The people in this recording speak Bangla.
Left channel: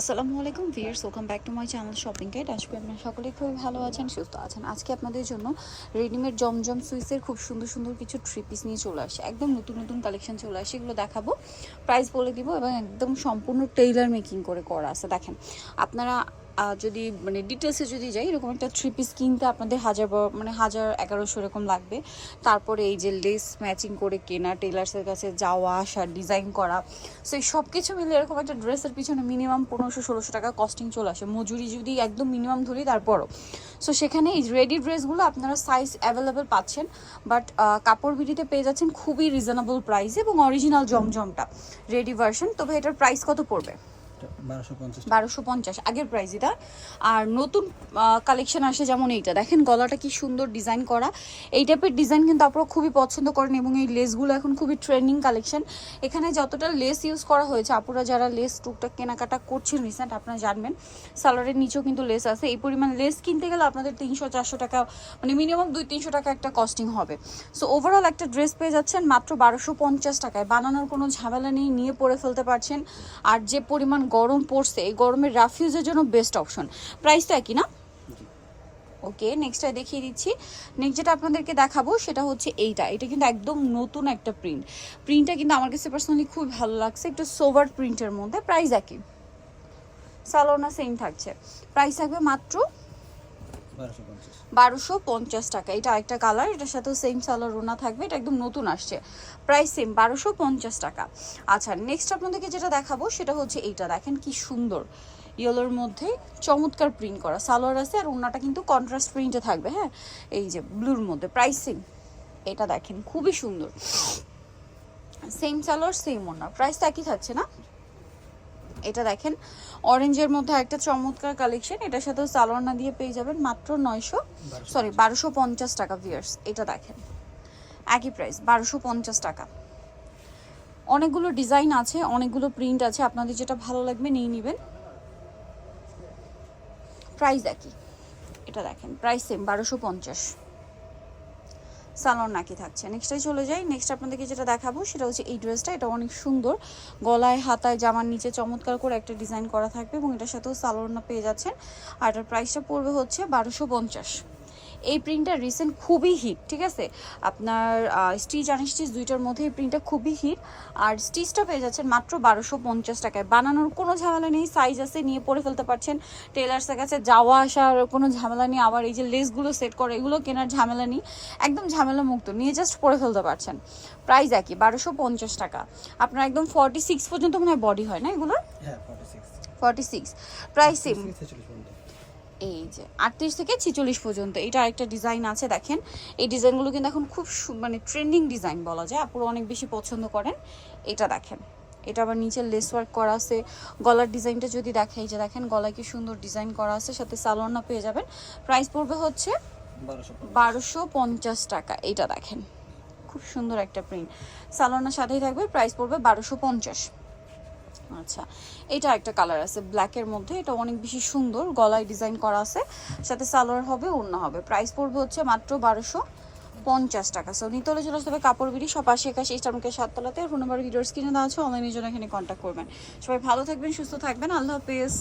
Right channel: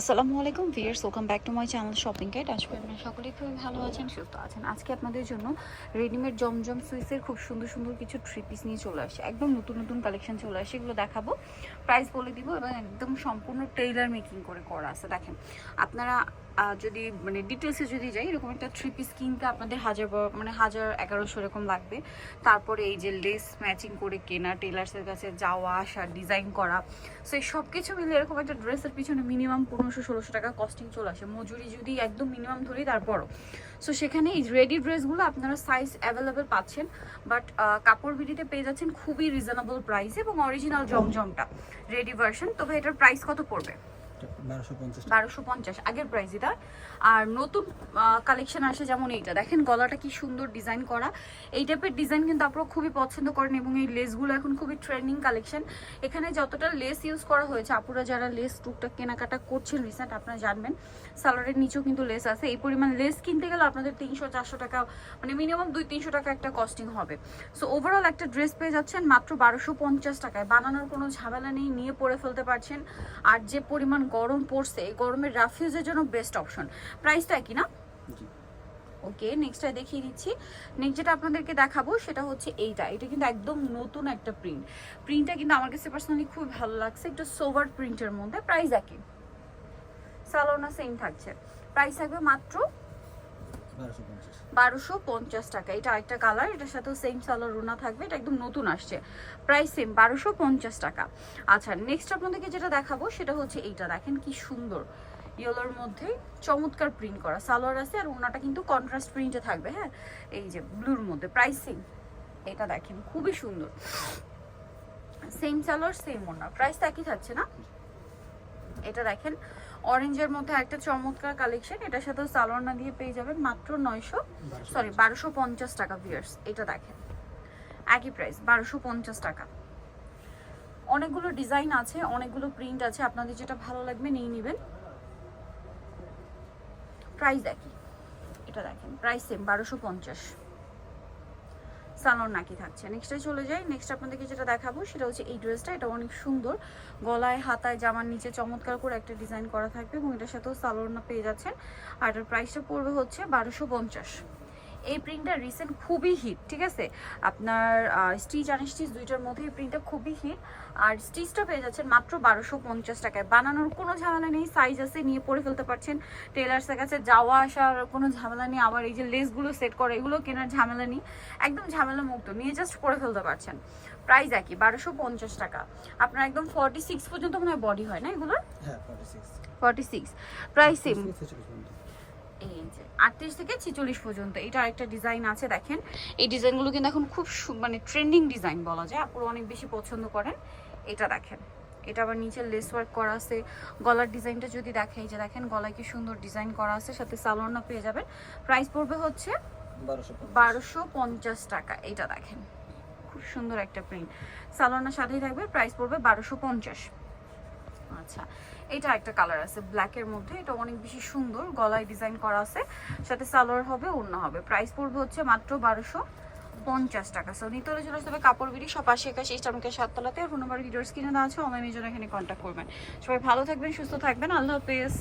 আসসালামু আলাইকুম viewers welcome back to my channel shopping guide আজকে আপনারা সকলেই খুব ভালো আছেন, সুস্থ আছেন। আজকে আপনাদের জন্য রেডিমেড জমজম সুইসের খুব সুন্দর সুন্দর কিছু থ্রি পিস নিয়ে চলে আসে একদম নতুন নতুন কালেকশন চলে আসে এগুলো দেখাবো। প্রাইস বলে দিব এবং একদম সম্পূর্ণ টেইলার মেকিং করে করা আছে। দেখেন, আপনারা যদি মানে ডিটেলসে যদি যাই, এরকম একটা থ্রি পিস কিনতে আপনাদের হাজার মানে হাজার এগারোশো এরকম লাগবে। তারপরে এই যে লেস ম্যাচিং করে কেনা টেলার্সের কাছে যাওয়া আসা ডিজাইন করা সো এই সব কিছু মিলে এরকম একটা ড্রেসের পিছনে মিনিমাম পনেরোশো, ষোলোশো টাকা কস্টিং চলে আসে। মজুরি যদি একদম মিনিমাম ধরি, তারপরও। সো সেখানে এই রেডি ড্রেসগুলো আপনারা সাইজ অ্যাভেলেবেল পাচ্ছেন বাট কাপড় বিডিতে পেয়ে যাচ্ছেন খুবই রিজনেবল প্রাইস এবং অরিজিনাল জমজমটা রেডি ভার্সন তবে এটার প্রাইস কত পড়বে? বারোশো পঞ্চাশ আগের প্রাইস এটা। আর নতুন কালেকশন আসে যেমন এইটা। দেখেন গলাটা কি সুন্দর ডিজাইন করা। এই টাইপের ডিজাইন কিন্তু আপনারা খুবই পছন্দ করেন এবং এই লেসগুলো এখন খুবই ট্রেন্ডিং কালেকশন এখানে যতটা লেস ইউজ করা হয়েছে, আপুরা যারা লেস টুকটাক কেনাকাটা করছেন রিসেন্ট আপনারা জানবেন। সালোয়ারের নিচেও কিন্তু লেস আছে। এই পরিমাণ লেস কিনতে গেলে আপনাদের তিনশো, চারশো টাকা মানে মিনিমাম দুই তিনশো টাকা একটা কস্টিং হবে। সো ওভারঅল একটা ড্রেস পেয়ে যাচ্ছেন মাত্র বারোশো পঞ্চাশ টাকায়। বানানোর কোনো ঝামেলা নেই, নিয়ে পরে ফেলতে পারছেন। আর যে পরিমাণ গরম পড়ছে এই গরমের রাফিউজের জন্য বেস্ট অপশন প্রাইস তো একই না? ওকে নেক্সটটা দেখিয়ে দিচ্ছি। নেক্সট যেটা আপনাদেরকে দেখাবো সেটা হচ্ছে এইটা। এটা কিন্তু একদম নতুন একটা প্রিন্ট প্রিন্টটা কিন্তু আমার কাছে পার্সোনালি খুব ভালো লাগছে একটু সোভার প্রিন্টের মধ্যে। প্রাইস একই। সালোনা সেম থাকছে। প্রাইস থাকবে মাত্র বারোশো পঞ্চাশ। টাকা। এটা আরেকটা কালার এটার সাথেও সেম সালোয়ার রোনা থাকবে, এটা একদম নতুন আসছে। প্রাইস সেম বারোশো পঞ্চাশ টাকা। আচ্ছা নেক্সট আপনাদেরকে যেটা দেখাবো, সেটা হচ্ছে এইটা। দেখেন কি সুন্দর। ইয়েলোর মধ্যে চমৎকার প্রিন্ট করা। সালোয়ার আছে আর ওনাটা কিন্তু কন্ট্রাস্ট প্রিন্টে থাকবে হ্যাঁ? এই যে ব্লুর মধ্যে প্রাইস এটা দেখেন, খুবই সুন্দর। সেম সালোয়ার সেম ওনা প্রাইসটা একই থাকছে না? এটা দেখেন অরেঞ্জের মধ্যে একটা চমৎকার কালেকশন এটার সাথেও সালোয়ার দিয়ে পেয়ে যাবেন মাত্র নয়শো সরি বারোশো পঞ্চাশ টাকা ভিয়ার্স এটা দেখেন। একই প্রাইস বারোশো পঞ্চাশ টাকা। অনেকগুলো ডিজাইন আছে অনেকগুলো প্রিন্ট আছে আপনাদের যেটা ভালো লাগবে নিয়ে নেবেন। প্রাইস একই এটা দেখেন প্রাইস সেম বারোশো পঞ্চাশ। সালোয়ার নাকি থাকছে। নেক্সটে চলে যাই। নেক্সট আপনাদেরকে যেটা দেখাবো সেটা হচ্ছে এই ড্রেসটা। এটা অনেক সুন্দর। গলায়, হাতায়, জামার নিচে চমৎকার করে একটা ডিজাইন করা থাকবে এবং এটার সাথেও সালোয়ার পেয়ে যাচ্ছেন। আর এটার প্রাইসটা পড়বে হচ্ছে বারোশো পঞ্চাশ। এই প্রিন্টটা রিসেন্ট খুবই হিট ঠিক আছে? আপনার স্টিচ আনস্টিচ দুইটার মধ্যে এই প্রিন্টটা খুবই হিট আর স্টিচটা পেয়ে যাচ্ছেন মাত্র বারোশো পঞ্চাশ টাকায়। বানানোর কোনো ঝামেলা নেই সাইজ আছে নিয়ে পরে ফেলতে পারছেন। টেলার্সের কাছে যাওয়া আসার কোনো ঝামেলা নেই আবার এই যে লেসগুলো সেট করে এগুলো কেনার ঝামেলা নেই। একদম ঝামেলা মুক্ত নিয়ে জাস্ট পরে ফেলতে পারছেন। প্রাইস একই বারোশো পঞ্চাশ টাকা। আপনার একদম ফর্টি সিক্স পর্যন্ত মনে হয় বডি হয় না এগুলো হ্যাঁ ফর্টি সিক্স প্রাইস সেম এই যে আটত্রিশ থেকে ছিচল্লিশ পর্যন্ত এটা আরেকটা ডিজাইন আছে দেখেন। এই ডিজাইনগুলো কিন্তু এখন খুব মানে ট্রেন্ডিং ডিজাইন বলা যায় আপুরা অনেক বেশি পছন্দ করেন। এটা দেখেন এটা আবার নিচে লেস ওয়ার্ক করা আছে। গলার ডিজাইনটা যদি দেখে এই যে দেখেন গলায় কি সুন্দর ডিজাইন করা আছে সাথে সালোয়ারনা পেয়ে যাবেন। প্রাইস পড়বে হচ্ছে বারোশো পঞ্চাশ। টাকা এটা দেখেন। খুব সুন্দর একটা প্রিন্ট সালোয়ারনার সাথেই থাকবে প্রাইস পড়বে বারোশো পঞ্চাশ। আচ্ছা এটা একটা কালার আছে ব্ল্যাকের মধ্যে, এটা অনেক বেশি সুন্দর, গলায় ডিজাইন করা আছে, সাথে সালোয়ার হবে অন্য হবে প্রাইস পড়বে হচ্ছে মাত্র বারোশো পঞ্চাশ টাকা। সো নিতলে চলে আসতে হবে কাপড়, বিড়ি, সব আশি একাশি ইস্টামুকের সাততলাতে ফোন নাম্বার ভিডিওস কিনে দেওয়া আছে অনলাইনের জন্য এখানে কন্ট্যাক্ট করবেন। সবাই ভালো থাকবেন, সুস্থ থাকবেন, আল্লাহ হাফেজ।